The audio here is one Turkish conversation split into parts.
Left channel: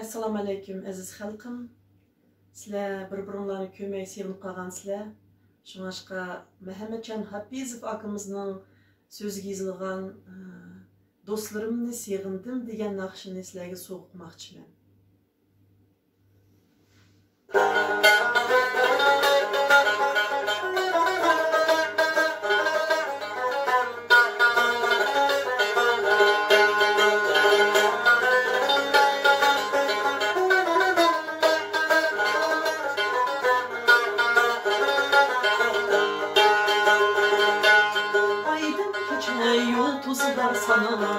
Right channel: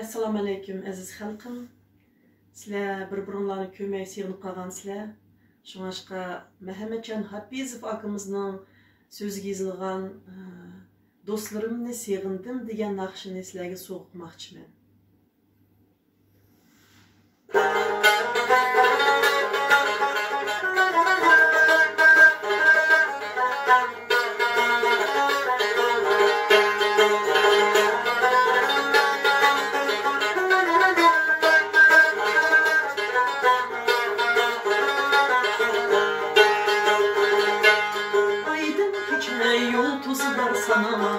Assalamu alaykum aziz xalqim. Sizlar bir-biringlarni ko'rmay sevinib qolgansizlar. Shuningdek, Muhammadjon Hafizov akamizning so'ziga yozilgan "Do'stlarimni sevgindim" degan naqshini sizlarga so'qmoqchiman. Yoltuzlar sana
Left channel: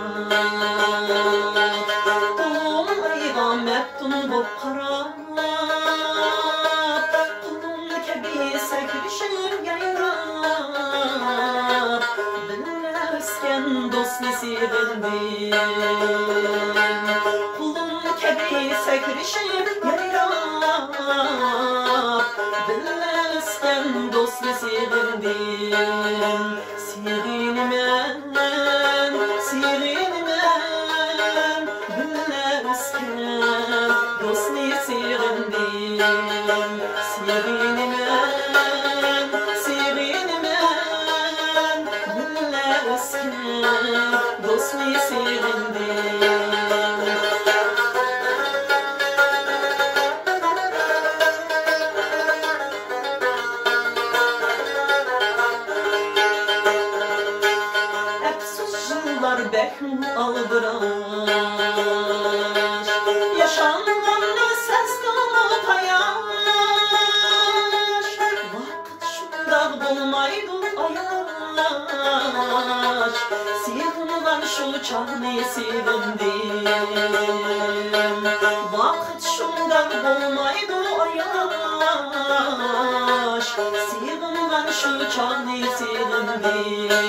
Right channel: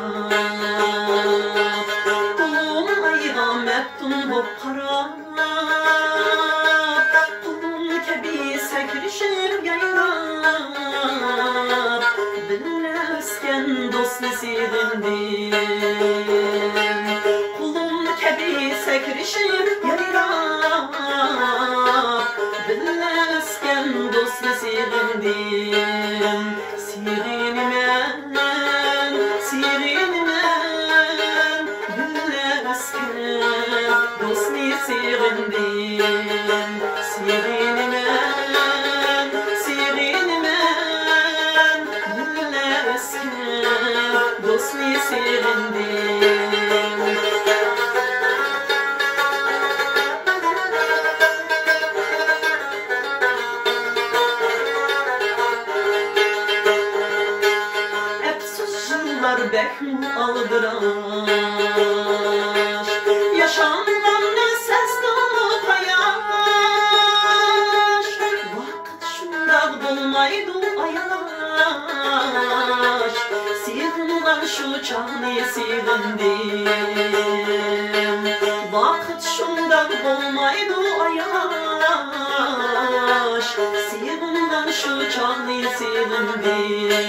Kulum ayga meftun bop qarab Kulum kebi sekrişir yayrab Bilmezken dostni sevindim Kulum kebi sekrişir yayrab Bilmezken dostni sevindim Bekmu aldıraş Yaşangan ne ses kalıp ayaş Vakit şundan bulmaydı ayaş Sevginden şu çağını sevindim Vakit şundan bulmaydı ayaş Sevginden şu çağını sevindim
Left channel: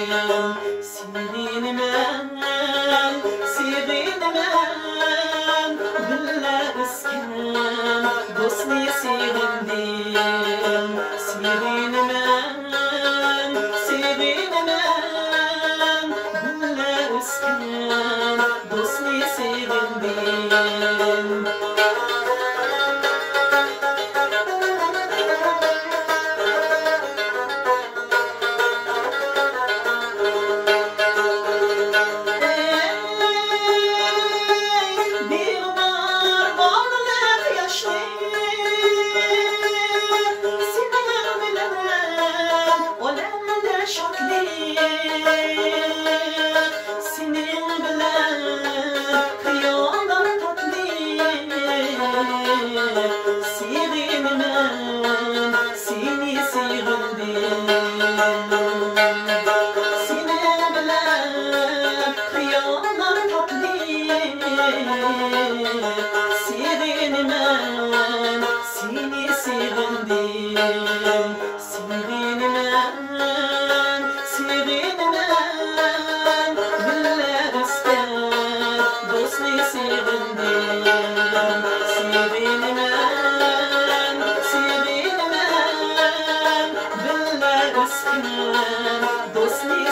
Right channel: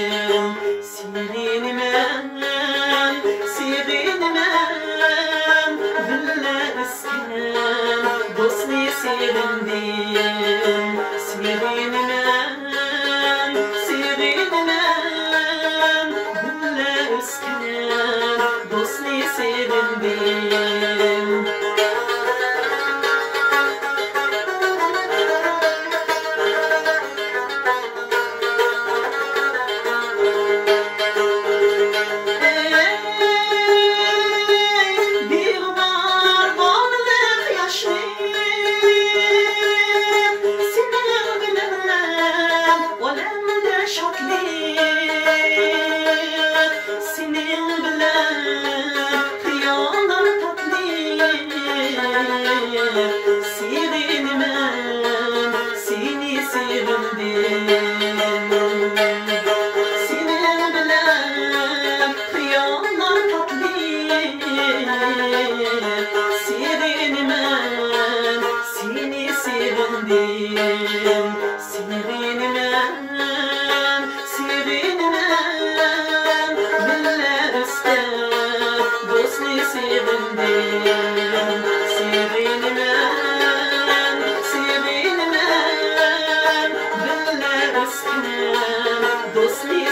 Dostni sevindim, sevinmem, sevinmem Güller üstüne dostni sevindim Dostni